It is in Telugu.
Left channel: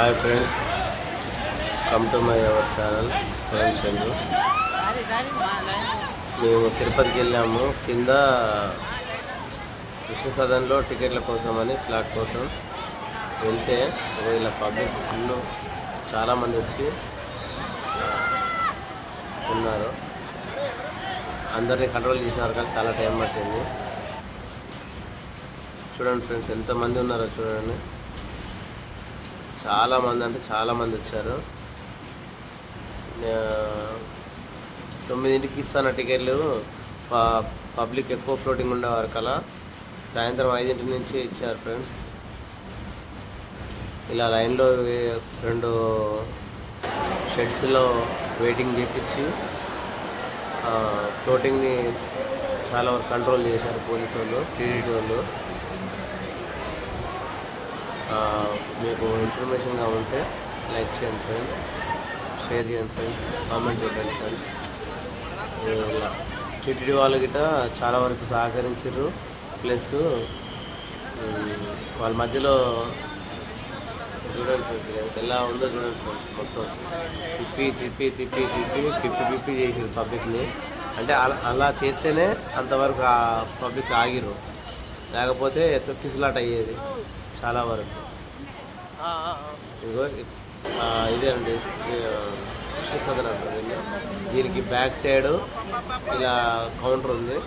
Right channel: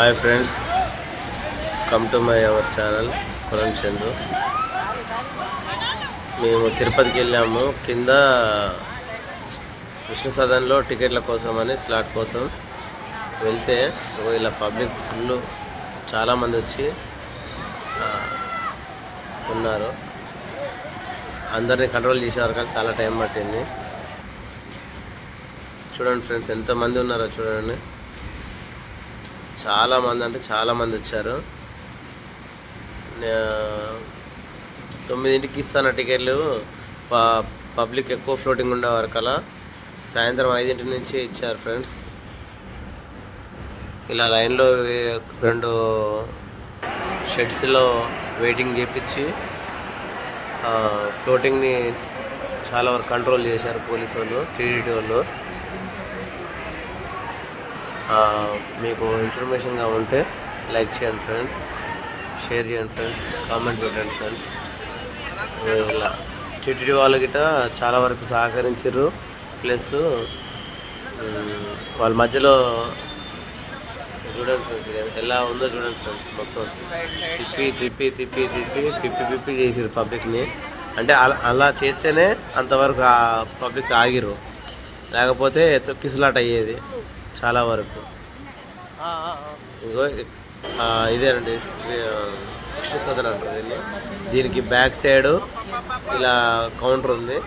Hi friends come to my our channel కులం చంద్రు మేము తిరుపతికి వెళ్ళాము. కింద విష్ణు సదన్లో టికెట్ల కోసం అని స్లాట్ కోసం వెళ్తే ఇలా పబ్లిక్ ఫుల్ చాలామంది వచ్చి ఉన్నారు. అందరినీ కంట్రోల్ చేసేవారు కానీ చాలా టైం పట్టింది. చూడండి ఫ్రెండ్స్ ఎంతమంది ఉన్నారో చూడండి. చాలా మంది అంటే చాలామంది వచ్చారు. తొమ్మిదింటికి ఇస్తాన టికెట్లు. ప- పబ్లిక్ ఎక్కువ ఫ్లోటింగ్ ఉండే వరకలా సాయంత్రం ఐదింటి నుంచి ఇచ్చారు ఫ్రెండ్స్. ఇలా లైన్లో రెండు షెడ్స్లో వెయిటింగ్ చేపించి ఫ్లోటింగ్ని చాలా వరకు కంట్రోల్ చేశారు పోలీసు వాళ్ళు టీడీటీ వాళ్ళు. మీకు ఇన్ఫర్మేషన్గా ఉంటే లైక్ చేయండి ఫ్రెండ్స్ షేర్ చేయండి ఫ్రెండ్స్ కామెంట్ పెట్టండి ఫ్రెండ్స్ సో ఇలా టీటీడీ వాళ్ళ గిట్ట చాలా వరకు సహకరించారు ప్లస్ వాళ్ళ మధ్యలో చూడండి ఫ్రెండ్స్ ఎలా ఉందో చూడండి ఫ్రెండ్స్ మొత్తం. తిప్పి తిప్పి తిప్పి తిప్పి తిప్పి తిప్పి చేసారు పబ్లిక్ని అంటే అలా అలా చేస్తేనే అంతవరకు ఆ పబ్లిక్ ఆగిరు లేకపోతే తొక్కిసలాట అయ్యేది చాలా వరకు. ఇగో ఇదేనండి కృష్ణ సదన్ అంటారు దీన్ని. దీనికి బ్యాక్ సైడ్ ఇలా కౌంటర్ ఉంది.